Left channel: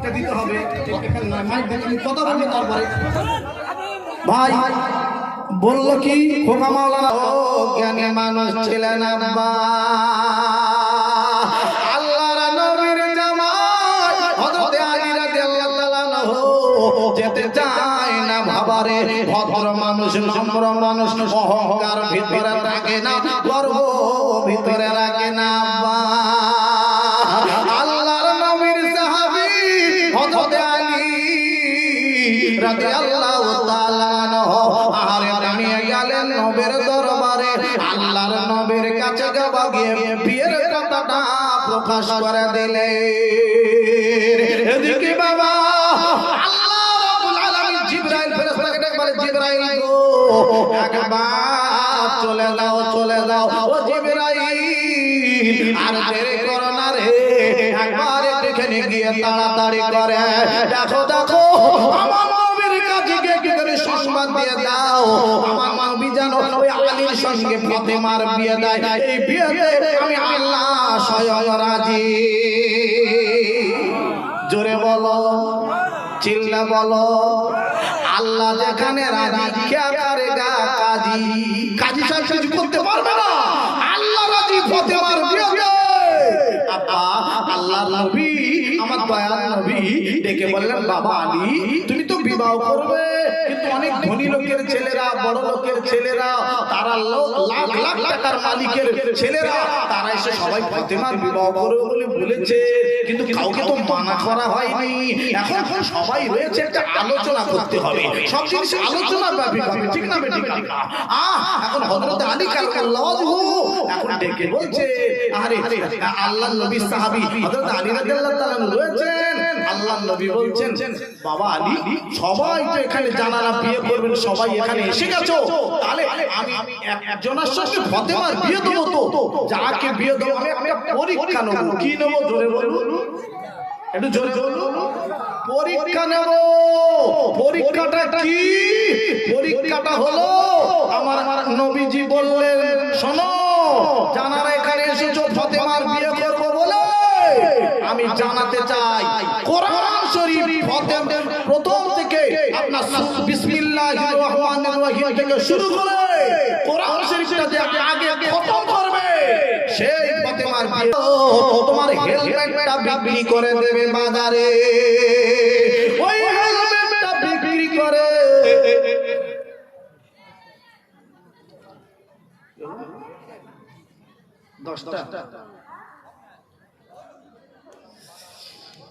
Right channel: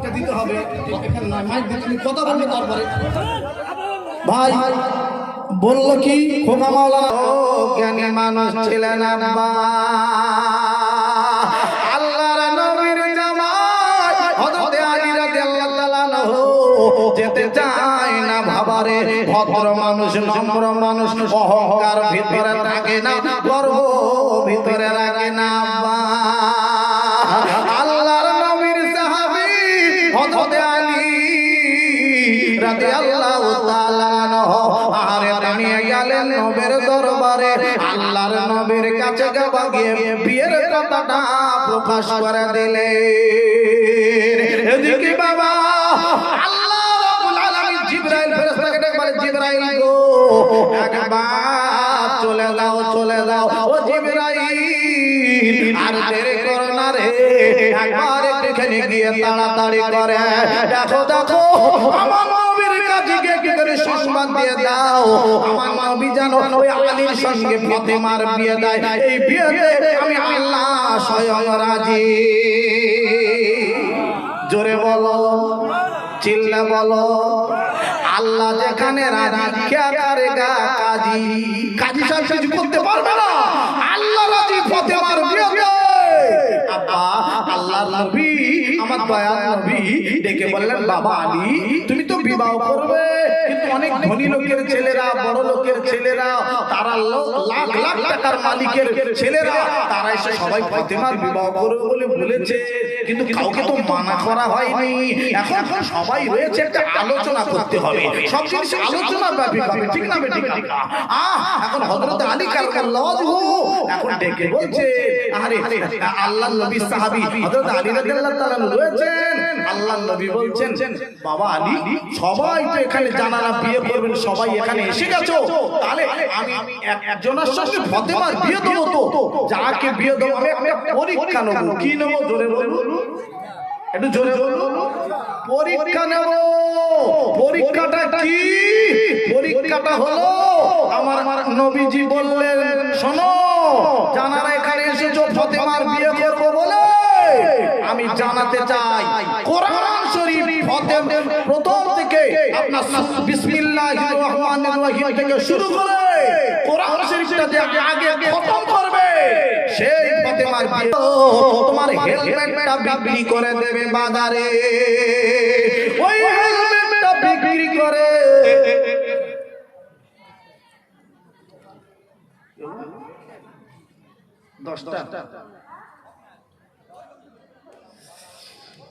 মাইকটা দিতে হবে মাইক কথা বলবে তারপরে। ভাই, বলল কি মানুষ ছিলেন না মানুষ, নম্র মানুষ, অহংকার ভিতরে থাকে না, গর্ব ভিতরে রাখে না নবীর কাছে গিয়ে বিয়ের কথাটা প্রকাশ করে দিলে। এদিকে বাবা আল্লাহ রাব্বুল আলামিন জিবরাইল ফেরেশতাকে বলে জিবরাইল গো একবার চলে যাও চলে যাও। ও জিবরাইল আর দেরি করো না রে একবার এখানে গিয়ে তাড়াতাড়ি করে। দেখো দেখো আমার নবীর কাছে গিয়ে কি করে সংবাদ দিয়ে দাও। আমার নবী ওই আলীর সঙ্গে ফাতেমার বিয়ে দেয়। এই বিয়েতে আমি আল্লাহ স্বয়ং রাজি। জোরে বলো চিল্লা বলো আল্লাহ যেখানে রাজি কে করেগা কাজী। কাজী সাহেব কিছু করতে পারবে না। আল্লাহ রাজি ফাতেমার বিয়ে আব্বা আল্লাহ নবী আমার দয়াল নবী ডেকে বললেন বাবা আলী তুমি বিবাহ করবে। কিন্তু অনেক ধনী লোকের ছেলেরা, বড় লোকের ছেলেরা, তারা লাখ লাখ টাকার মালিকের ছেলেরা, তারা এসে সবাই ফাতেমার বিবাহ করবে বলে বলেছে। কিন্তু কাউকে তো মানা করা হয়নি। এখন সবাই হয়েছে একটা আলোচনা করতে হবে। সব জিনিস আলোচনার ব্যাপার ঠিক না ঠিক আহ, এখন হযরত আলী কাল্লাহু এখন ডেকে বলছে, আরে আল্লাহ নবী সাহাবী হযরত আলী রাদিয়াল্লাহু তাআলা রয়েছেন। আল্লাহ নবী বলছেন, বাবা আলী সবাই তো এখানে জানারা বিয়ে করবেন, সবাই এখানে এসে গেছো। তাহলে আমি একজনের সঙ্গে ফাতেমার বিয়ে দেবো তো। যাকে বিয়ে দেবো আমি একটা পরীক্ষা নেব। কি নেব? জোরে বলুন। একটু জোরে বলুন। পরীক্ষা নেব। পরীক্ষাটা কি? পরীক্ষাটা হলো, আমার নবীজি বললেন, শোনো জানারা এখানে এসেছ ফতেমার বিয়ে করব বলে। আমি জানাতে চাই, কোরআন শরীফ ফতেম সু- বিসমিল্লাহির রহমানির রহিম থেকে শুরু করে কোরআন শরীফটা যে আগে আগে খতম করবে। সেই ফতেমার বিয়ে তোমার হেলমেটটা বিক্রি করে দেবে বাজারে। ওই হেলমেটটা বিক্রি করে। দশটা।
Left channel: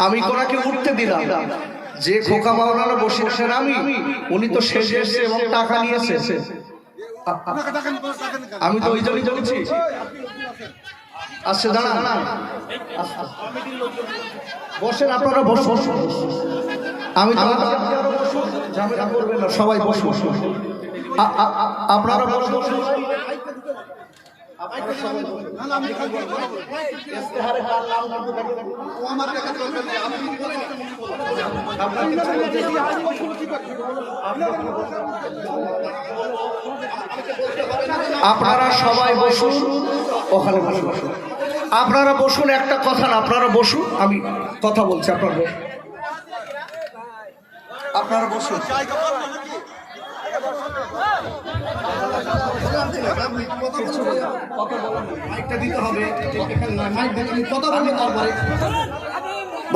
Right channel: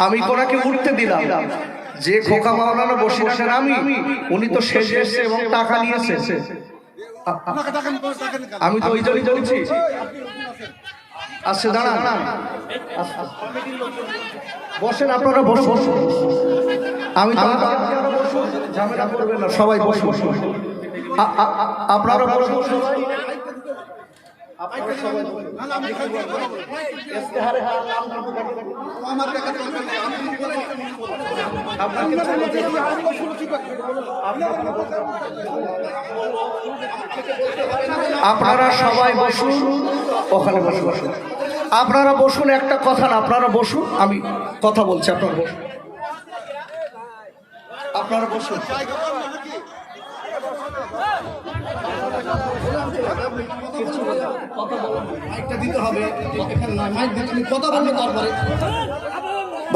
আমি কোনাকে উঠতে দিলাম। যে খোকা বাউলানা বসে বসেন আমি, উনি তো শেষ এসছে এবং টাকা নিয়েছে আমি তো ওই জন্যই বলছি। আচ্ছা দাঁড়ান। বসেন, আপনারা বসে বসুন। আমি সবাই বসে বসে আ- আপনারা বসুন। সবাই। আপনারা সবাই বসুন। ইস্তেহারে কার নাম দিতে পারবেন? আমার কাছে বলবেন না, আপনি বলেন। আপনারা সবাই বসুন। ওখানে বসুন বসুন। আপনারা বসুন একটা কথা না আপনারা বসুন। আমি কথা বলছি আপনারা বসুন। আপনারা বসুন।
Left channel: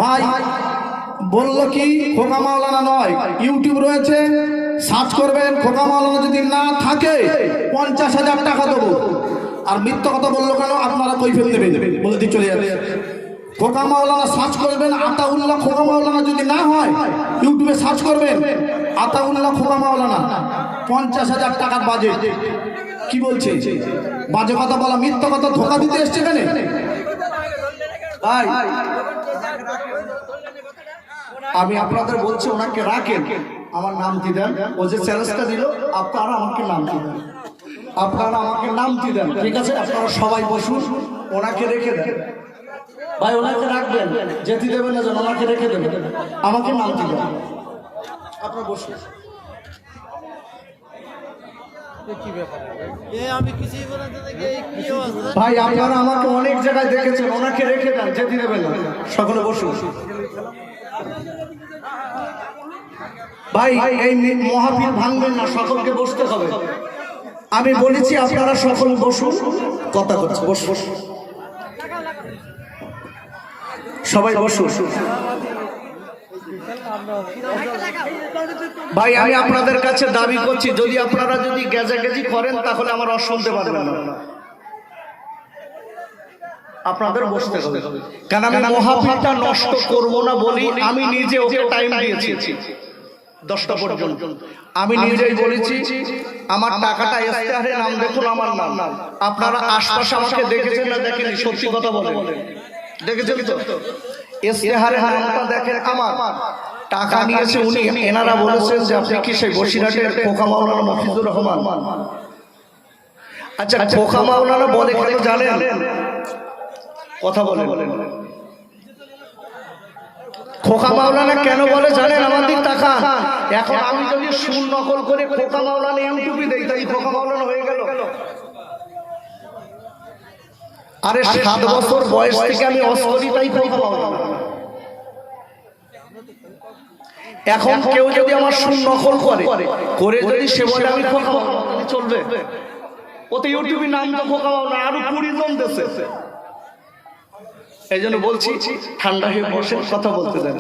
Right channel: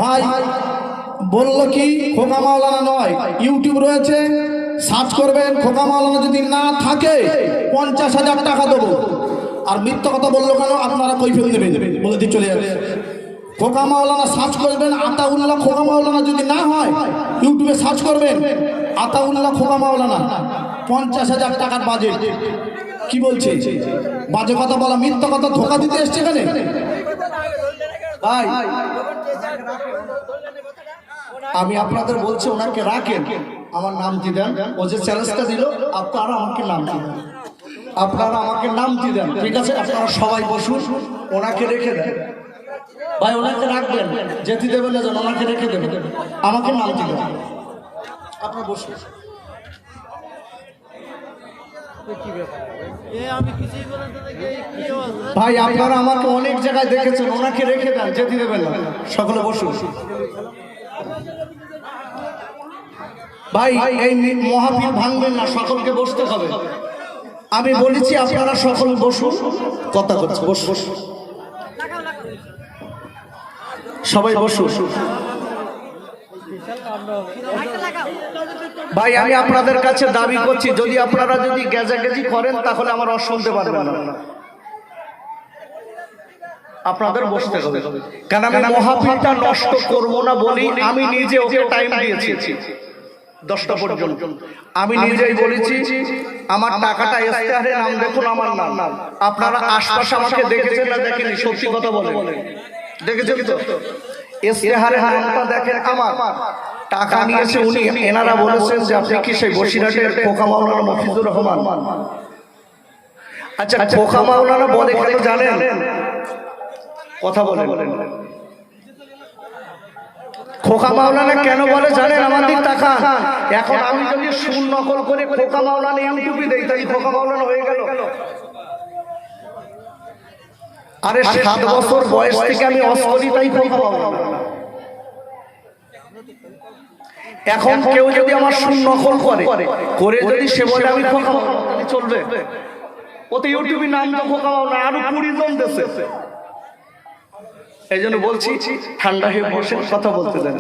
ভাই কি, খোকা মাওলানা নয়, ইউটিউব রয়েছে, সার্চ করবেন, খোকা যদি না থাকে, পঞ্চাশ হাজার টাকা দেবো। আর মিথ্যা কথা বলল কেন, আপনারা কৈফিয়ত দেবেন। বলে দিয়ে চলে যাবে খোকা মাওলানা সার্চ করবেন, আতাউল্লাহ খোকা মাওলানা যদি না হয়, ইউটিউবে সার্চ করবেন, আতাউল্লাহ খোকা মাওলানা। পঞ্চাশ হাজার টাকার বাজেট কি বলছে? বাজে কথা বলা, মিথ্যা কথা ধোকা দিতে এসছে এখানে? ভাই, আমি আপনাদের বলছি, ওনাকে রাখেন। আমার নামটি দেন? ও যে চ্যালেঞ্জটা দিল, আপনারা আমাকে নামটি দেন? আপনারা আমাকে নামটি দেন? ঠিক আছে, আপনারা সবাই বসুন, ওনাকে রেখে দেন। ভাই, ওনাকে রাখবেন, যেতে দেবেন না যেন, ওনাকে রেখে দেবেন। আমাকে নামটি দেন? আপনার বসুন। ভাই আপনারা আমাকে অনেক জায়গায় দেখেছেন ওনাকে রেখে দেন যেতে দেবেন না সকলে বসুন। ভাই এই মহাবীর ভাঙবেন না সকলকে বসতে হবে। আমি বলেছি আপনারা সকল বসুন। কথা করছে বসুন। সবাই বসুন। ভাই, আমি আপনাদের কাছে দাবি করছি, যদি আপনারা যদি গেজাগেজি করেন, তাহলে আমার আর শুনতে পারবেন না। আপনাদের বসতে হবে। কারণ আমি মহাফিটা নষ্ট করব না বলি, আমি নিজে ওকে টাইম দিয়েছি। দশটা পর্যন্ত। আমি নিজেই বলেছি, আমার টাকাটা ইস্তেহারে নাম দেখুন, আমার নাম। আপনারা আশপাশে আমাকে দেখেছেন না দেখেনি সত্যি কথা বলে। দেখেছেন তো? ইস্তেহারে নামটা দেখেন আমার। টাকা নিয়েছে উনি এনারা বলেছেন যে আপনি কি সেই বসিরহাটের খোকা মাওলানা মফিজুর রহমান। আচ্ছা খোকা মাওলানা বলে কেন জানেন? কথা বলেন। খোকা মাওলানা কেন বলে জানেন? আমাদের টাকা। এখন আমি যদি সুর নকল করে খোকা মাওলানা ইউটিউবে দেই তাহলে খোকা মাওলানা হয়ে গেল। আরে সাত বছর বয়স থেকে আমি অস্করি তাই খোকা মাওলানা। এখন কেউ যদি আমার সুন নকল করে করে যদি সে বলে আমি চলবে। ওতে ইউটিউবে নাম তো খোকা না আরও কুড়ি জন দেশে এই জন্য বলছি ঠান্ডা হয়ে বসে কথা বলতে দেন।